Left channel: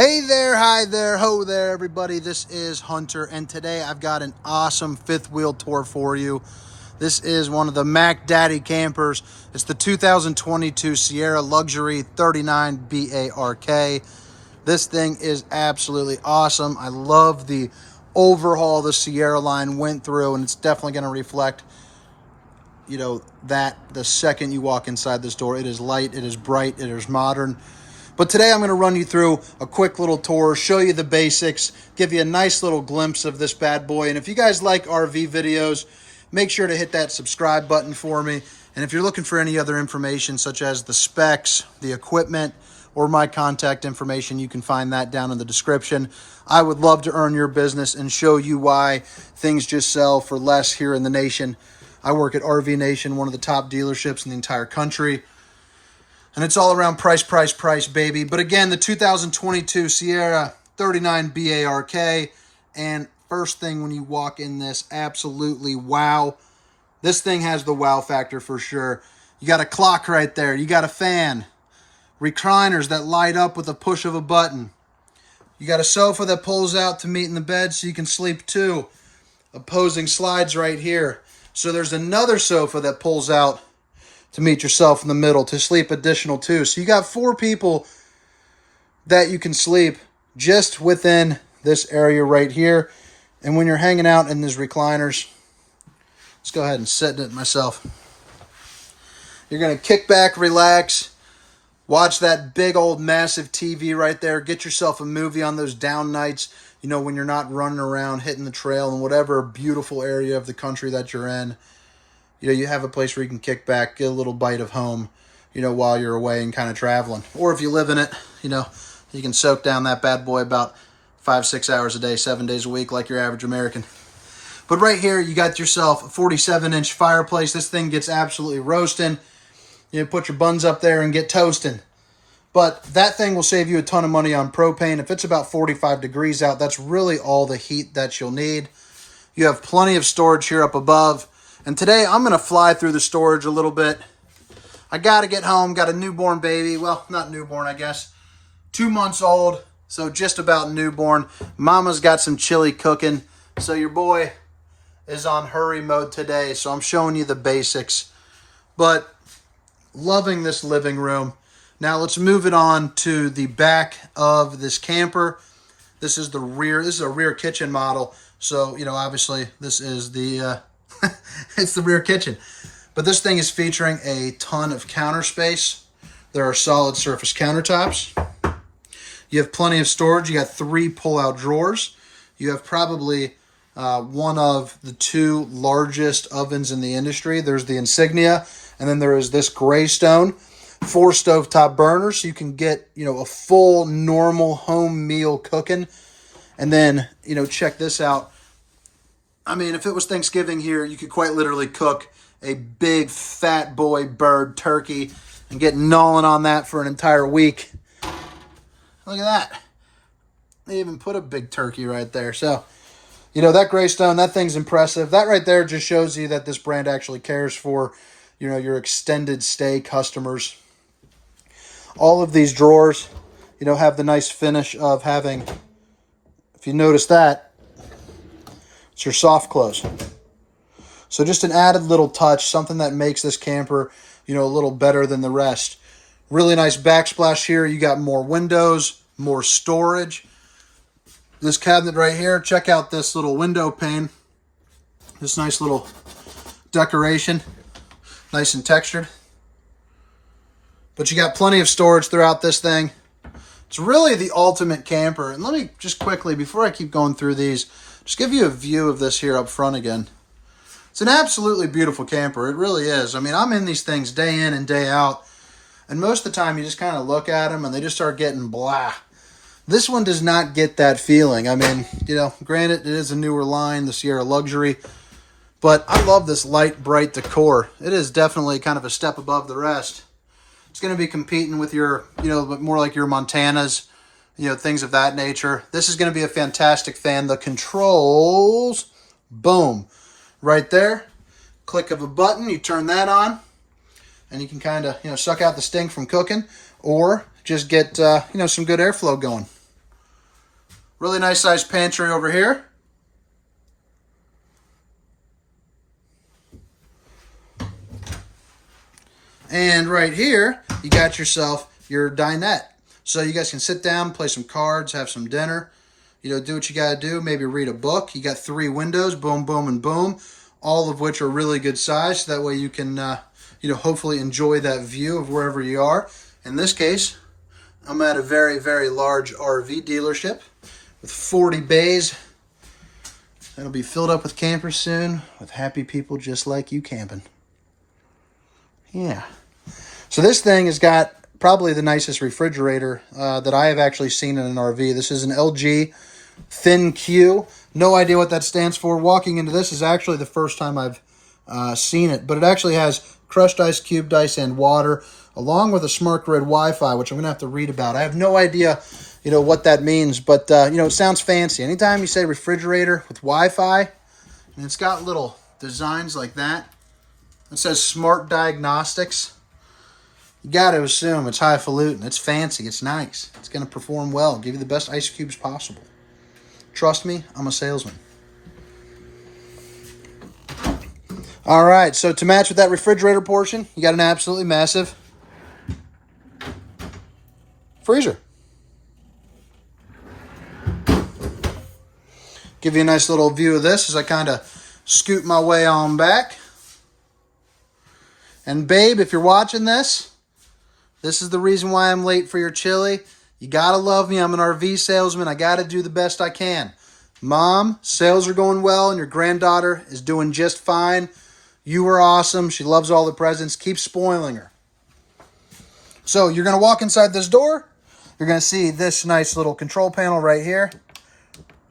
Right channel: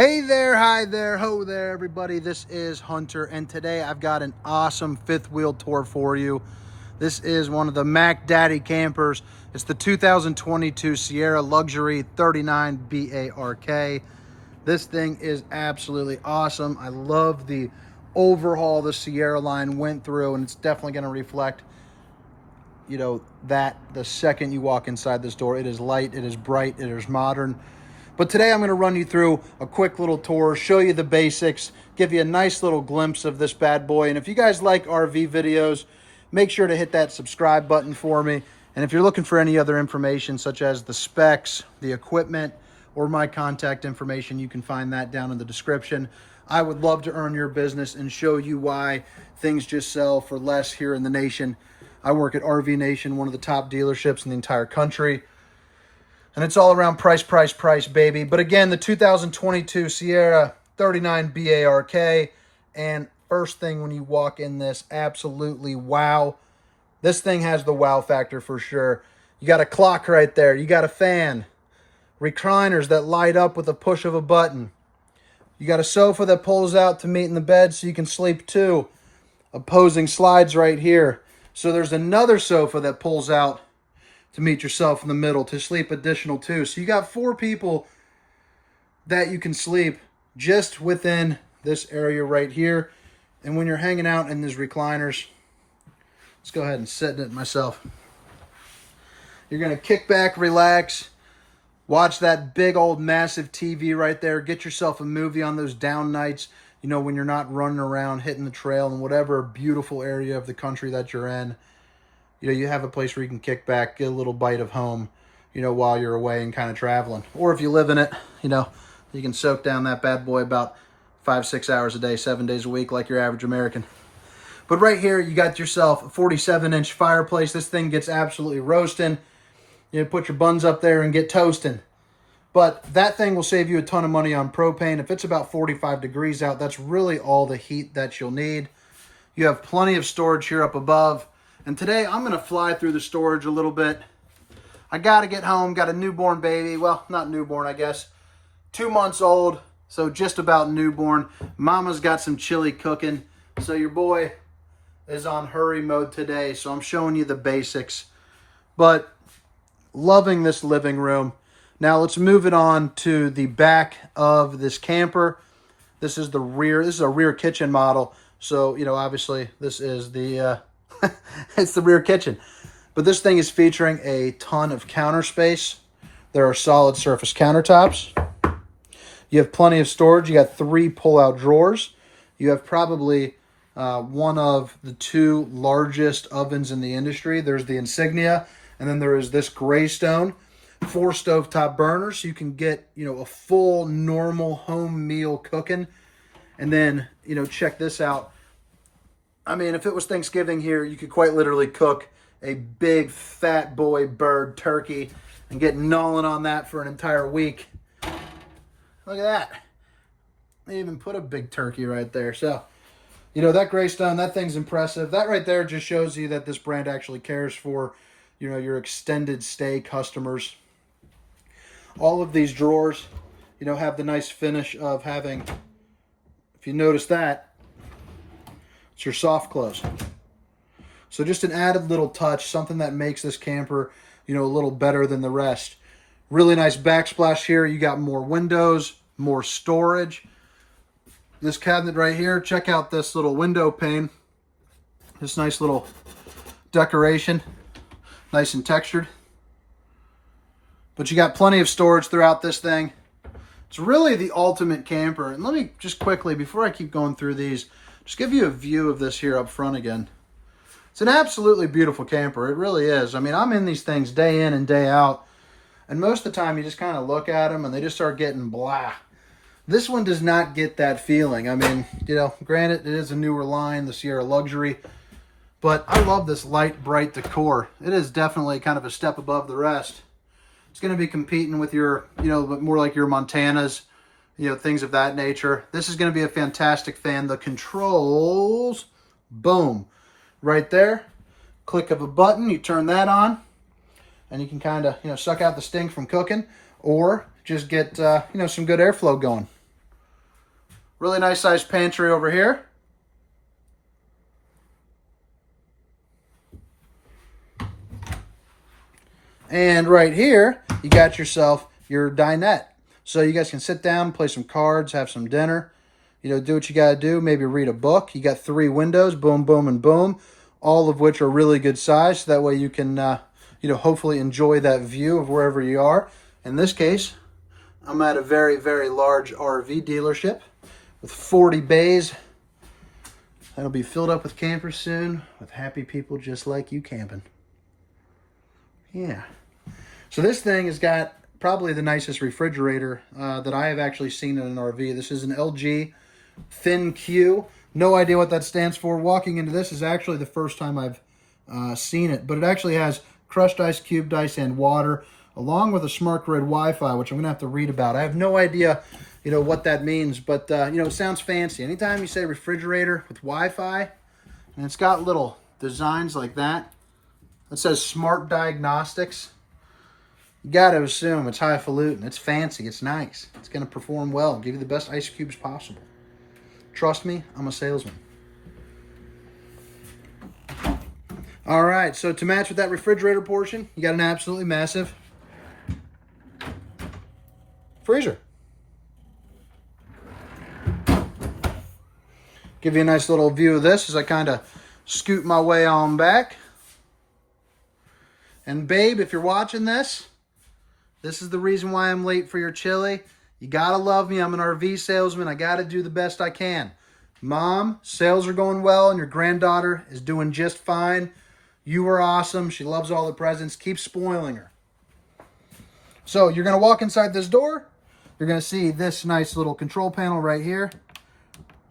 Hey there, hi there, ho there, everybody. This is Hunter, and today I've got an awesome fifth wheel tour for you. This is one of the Mac Daddy campers. It's the 2022 Sierra Luxury 39 BARK. This thing is absolutely awesome. I love the overhaul the Sierra line went through, and it's definitely going to reflect, that the second you walk inside this door. It is light, it is bright, it is modern. But today I'm going to run you through a quick little tour, show you the basics, give you a nice little glimpse of this bad boy. And if you guys like RV videos, make sure to hit that subscribe button for me. And if you're looking for any other information, such as the specs, the equipment, or my contact information, you can find that down in the description. I would love to earn your business and show you why things just sell for less here in the nation. I work at RV Nation, one of the top dealerships in the entire country. And it's all around price, baby. But again, the 2022 Sierra 39 BARK. And first thing when you walk in this, absolutely wow. This thing has the wow factor for sure. You got a clock right there. You got a fan. Recliners that light up with a push of a button. You got a sofa that pulls out to meet in the bed so you can sleep too. Opposing slides right here. So there's another sofa that pulls out to meet yourself in the middle, to sleep additional too. So you got 4 people that you can sleep just within this area right here. And when you're hanging out in these recliners, let's go ahead and sit in it myself. You're going to kick back, relax, watch that big old massive TV right there. Get yourself a movie on those down nights, when you're not running around hitting the trail in whatever beautiful area of the country that you're in. You have a place where you can kick back, get a little bite of home, while you're away and kind of traveling. Or if you live in it, you can soak down that bad boy about 5-6 hours a day, 7 days a week, like your average American. But right here, you got yourself a 47-inch fireplace. This thing gets absolutely roasting. Put your buns up there and get toasting. But that thing will save you a ton of money on propane. If it's about 45 degrees out, that's really all the heat that you'll need. You have plenty of storage here up above. And today, I'm going to fly through the storage a little bit. I got to get home. Got a newborn baby. Well, not newborn, I guess. 2 months old, so just about newborn. Mama's got some chili cooking. So your boy is on hurry mode today. So I'm showing you the basics. But loving this living room. Now, let's move it on to the back of this camper. This is the rear. This is a rear kitchen model. So, obviously, this is the... it's the rear kitchen. But this thing is featuring a ton of counter space. There are solid surface countertops. You have plenty of storage. You got 3 pull-out drawers. You have probably one of the 2 largest ovens in the industry. There's the Insignia, and then there is this Greystone. 4 stovetop burners, so you can get, a full normal home meal cooking. And then, check this out. I mean, if it was Thanksgiving here, you could quite literally cook a big fat boy bird turkey and get gnawing on that for an entire week. Look at that. They even put a big turkey right there. So, that Greystone, that thing's impressive. That right there just shows you that this brand actually cares for, your extended stay customers. All of these drawers, have the nice finish of having, if you notice that, it's your soft close. So just an added little touch, something that makes this camper, a little better than the rest. Really nice backsplash here. You got more windows, more storage. This cabinet right here, check out this little window pane. This nice little decoration, nice and textured. But you got plenty of storage throughout this thing. It's really the ultimate camper. And let me just quickly, before I keep going through these, just give you a view of this here up front again. It's an absolutely beautiful camper. It really is. I mean, I'm in these things day in and day out. And most of the time, you just kind of look at them and they just start getting blah. This one does not get that feeling. I mean, granted, it is a newer line, the Sierra Luxury. But I love this light, bright decor. It is definitely kind of a step above the rest. It's going to be competing with your, more like your Montanas, things of that nature. This is going to be a fantastic fan. The controls, boom, right there. Click of a button, you turn that on, and you can kind of, suck out the stink from cooking, or just get, some good airflow going. Really nice sized pantry over here. And right here, you got yourself your dinette. So you guys can sit down, play some cards, have some dinner. You know, do what you got to do. Maybe read a book. You got 3 windows, boom, boom, and boom. All of which are really good size. So that way you can, you know, hopefully enjoy that view of wherever you are. In this case, I'm at a very, very large RV dealership with 40 bays. That'll be filled up with campers soon, with happy people just like you camping. Yeah. So this thing has got probably the nicest refrigerator that I have actually seen in an RV. This is an LG Thin Q. No idea what that stands for. Walking into this is actually the first time I've seen it, but it actually has crushed ice, cubed ice, and water, along with a smart grid Wi-Fi, which I'm going to have to read about. I have no idea, you know, what that means, but, you know, it sounds fancy. Anytime you say refrigerator with Wi-Fi, and it's got little designs like that, it says smart diagnostics. You got to assume it's highfalutin, it's fancy, it's nice. It's going to perform well, give you the best ice cubes possible. Trust me, I'm a salesman. All right, so to match with that refrigerator portion, you got an absolutely massive freezer. Give you a nice little view of this as I kind of scoot my way on back. And babe, if you're watching this, this is the reason why I'm late for your chili. You gotta love me. I'm an RV salesman. I gotta do the best I can. Mom, sales are going well and your granddaughter is doing just fine. You are awesome. She loves all the presents. Keep spoiling her. So you're gonna walk inside this door. You're gonna see this nice little control panel right here.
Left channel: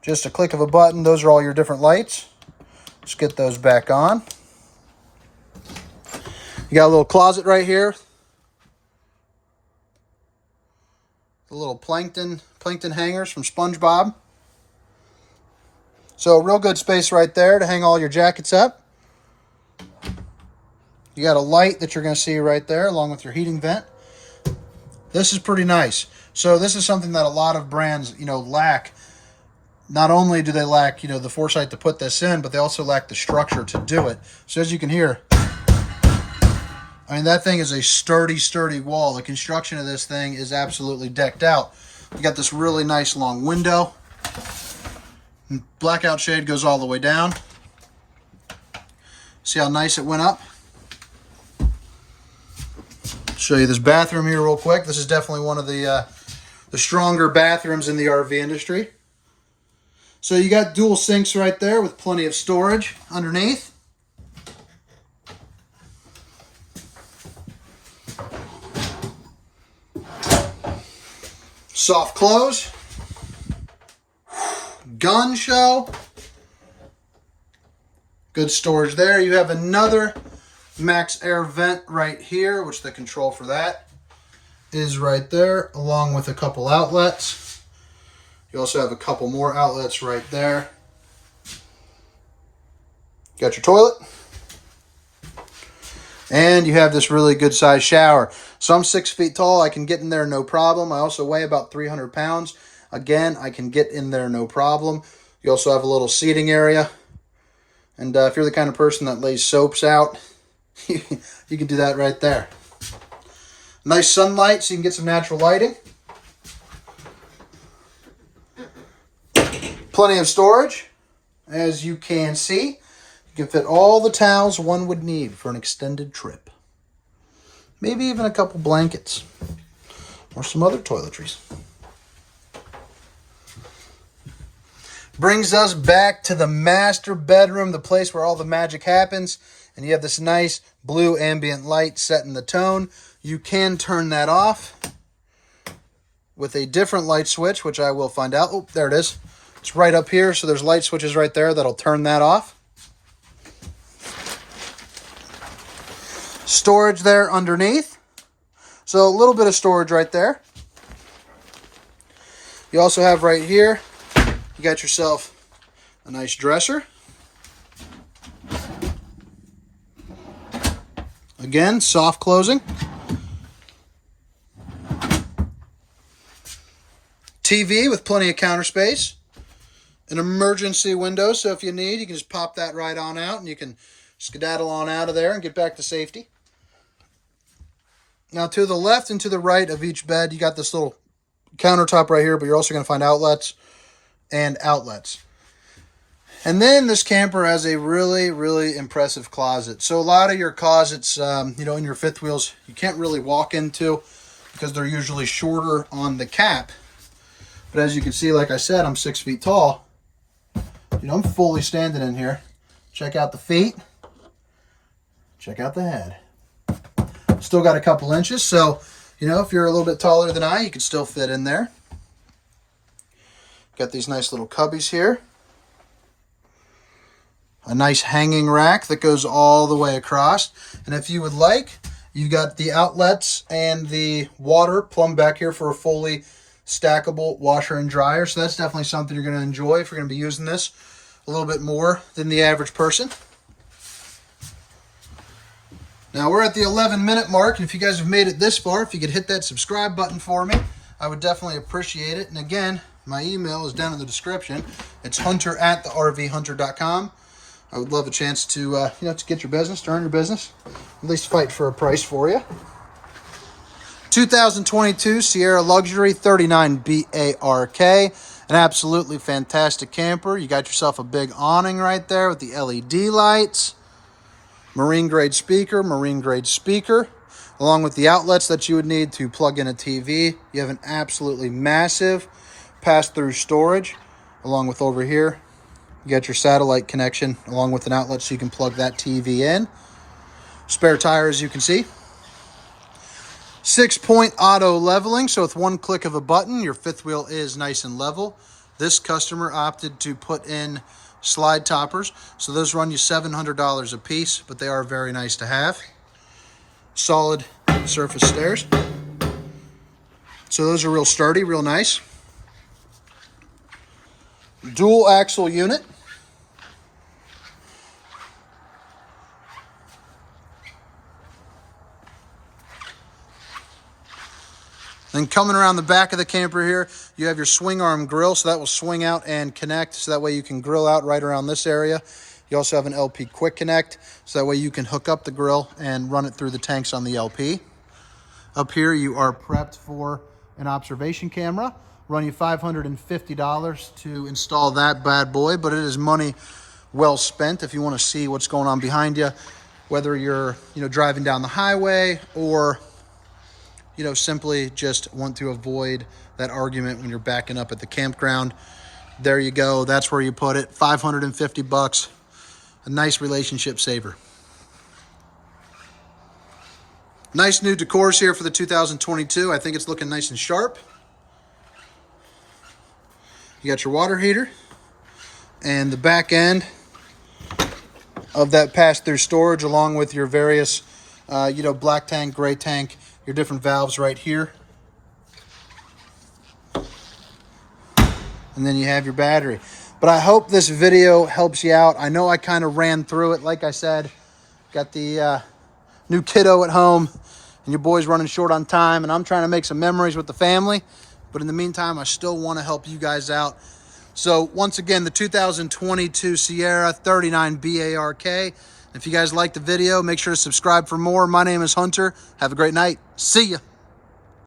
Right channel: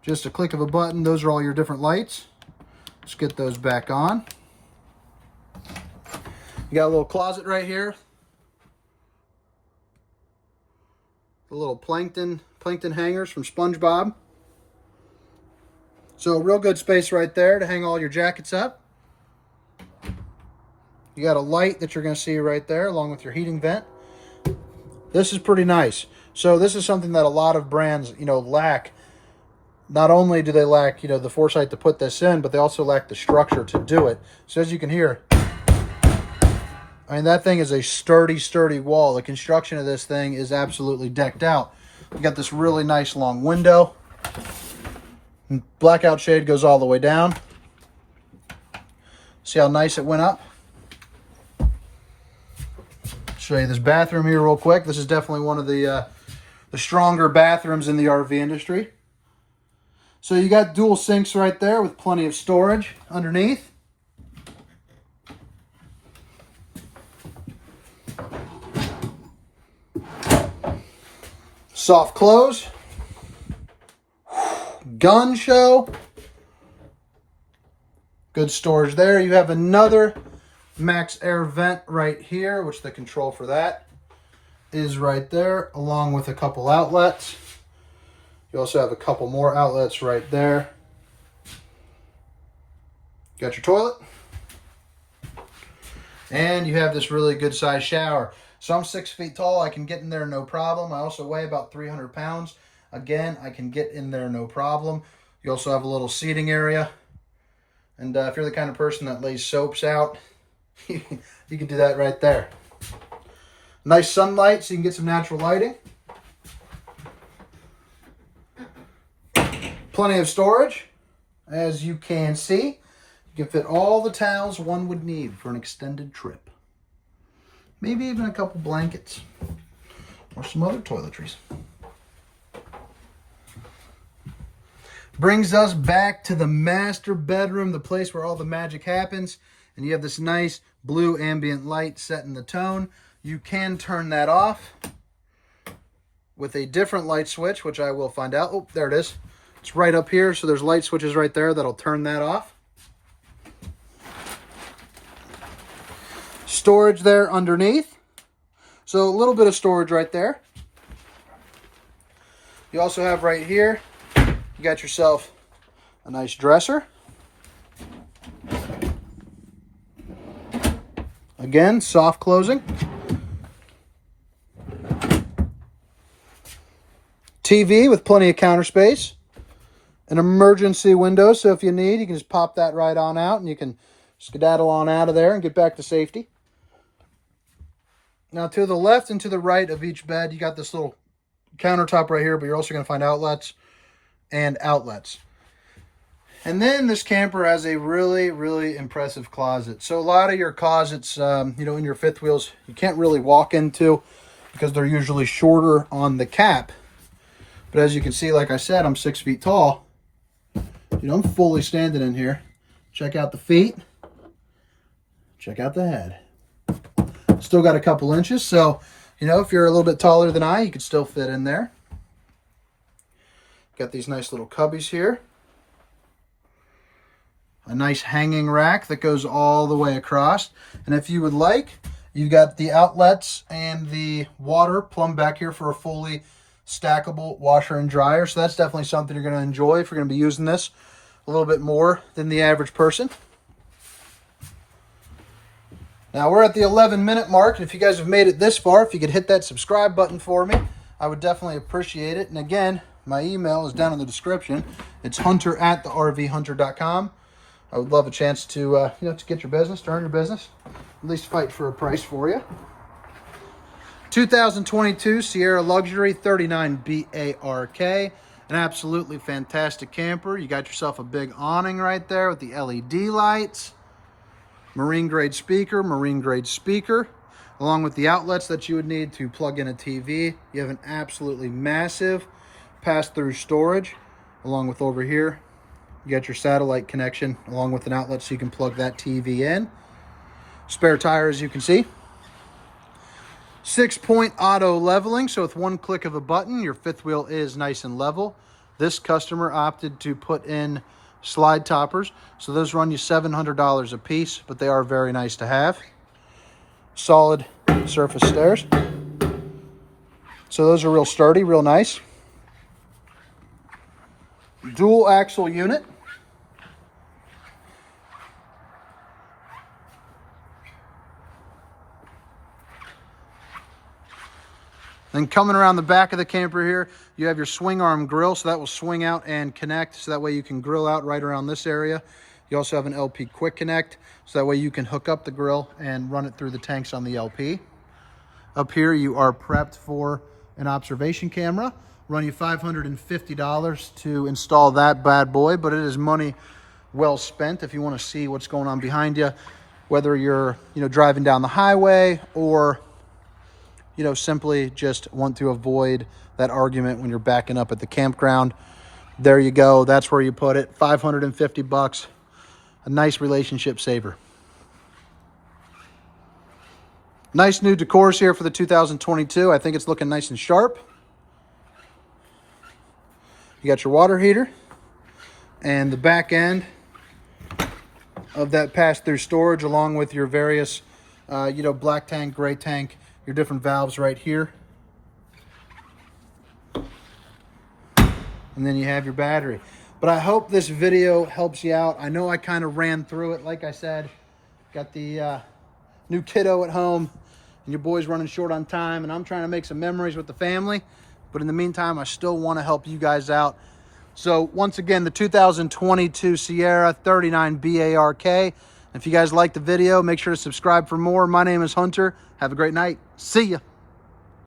Just a click of a button. Those are all your different lights. Let's get those back on. You got a little closet right here. The little plankton hangers from SpongeBob. So real good space right there to hang all your jackets up. You got a light that you're going to see right there along with your heating vent. This is pretty nice. So this is something that a lot of brands, you know, lack. Not only do they lack, you know, the foresight to put this in, but they also lack the structure to do it. So as you can hear, I mean, that thing is a sturdy, sturdy wall. The construction of this thing is absolutely decked out. You got this really nice long window. Blackout shade goes all the way down. See how nice it went up? Show you this bathroom here real quick. This is definitely one of the stronger bathrooms in the RV industry. So you got dual sinks right there with plenty of storage underneath. Soft close. Gun show. Good storage there. You have another max air vent right here, which the control for that is right there, along with a couple outlets. You also have a couple more outlets right there. Got your toilet. And you have this really good sized shower. So I'm 6 feet tall. I can get in there no problem. I also weigh about 300 pounds. Again, I can get in there no problem. You also have a little seating area. And if you're the kind of person that lays soaps out, you can do that right there. Nice sunlight so you can get some natural lighting. Plenty of storage. As you can see, you can fit all the towels one would need for an extended trip. Maybe even a couple blankets or some other toiletries. Brings us back to the master bedroom, the place where all the magic happens. And you have this nice blue ambient light setting the tone. You can turn that off with a different light switch, which I will find out. Oh, there it is. It's right up here. So there's light switches right there that'll turn that off. Storage there underneath. So a little bit of storage right there. You also have right here, you got yourself a nice dresser. Again, soft closing. TV with plenty of counter space. an emergency window, so if you need, you can just pop that right on out and you can skedaddle on out of there and get back to safety. Now, to the left and to the right of each bed, you got this little countertop right here, but you're also going to find outlets and outlets. And then this camper has a really, really impressive closet. So a lot of your closets, in your fifth wheels, you can't really walk into because they're usually shorter on the cap. But as you can see, like I said, I'm 6 feet tall. I'm fully standing in here. Check out the feet. Check out the head. Still got a couple inches, so, if you're a little bit taller than I, you can still fit in there. Got these nice little cubbies here. A nice hanging rack that goes all the way across. And if you would like, you've got the outlets and the water plumbed back here for a fully stackable washer and dryer. So that's definitely something you're going to enjoy if you're going to be using this a little bit more than the average person. Now we're at the 11-minute mark, and if you guys have made it this far, if you could hit that subscribe button for me, I would definitely appreciate it. And again, my email is down in the description. It's hunter@thervhunter.com. I would love a chance to, to get your business, to earn your business, at least fight for a price for you. 2022 Sierra Luxury 39 BARK, an absolutely fantastic camper. You got yourself a big awning right there with the LED lights. Marine grade speaker, along with the outlets that you would need to plug in a TV. You have an absolutely massive pass-through storage, along with over here. You got your satellite connection, along with an outlet so you can plug that TV in. Spare tire, as you can see. 6-point auto leveling, so with one click of a button, your fifth wheel is nice and level. This customer opted to put in slide toppers, so those run you $700 a piece, but they are very nice to have. Solid surface stairs, so those are real sturdy, real nice. Dual axle unit. Then coming around the back of the camper here, you have your swing arm grill, so that will swing out and connect, so that way you can grill out right around this area. You also have an LP quick connect, so that way you can hook up the grill and run it through the tanks on the LP. Up here, you are prepped for an observation camera. Run you $550 to install that bad boy, but it is money well spent if you want to see what's going on behind you, whether you're driving down the highway or simply just want to avoid that argument when you're backing up at the campground. There you go. That's where you put it. $550. A nice relationship saver. Nice new decors here for the 2022. I think it's looking nice and sharp. You got your water heater and the back end of that pass-through storage, along with your various, black tank, gray tank, your different valves right here. And then you have your battery. But I hope this video helps you out. I know I kind of ran through it. Like I said, got the new kiddo at home, and your boy's running short on time, and I'm trying to make some memories with the family. But in the meantime, I still want to help you guys out. So once again, the 2022 Sierra 39 BARK. If you guys like the video, make sure to subscribe for more. My name is Hunter. Have a great night. See ya.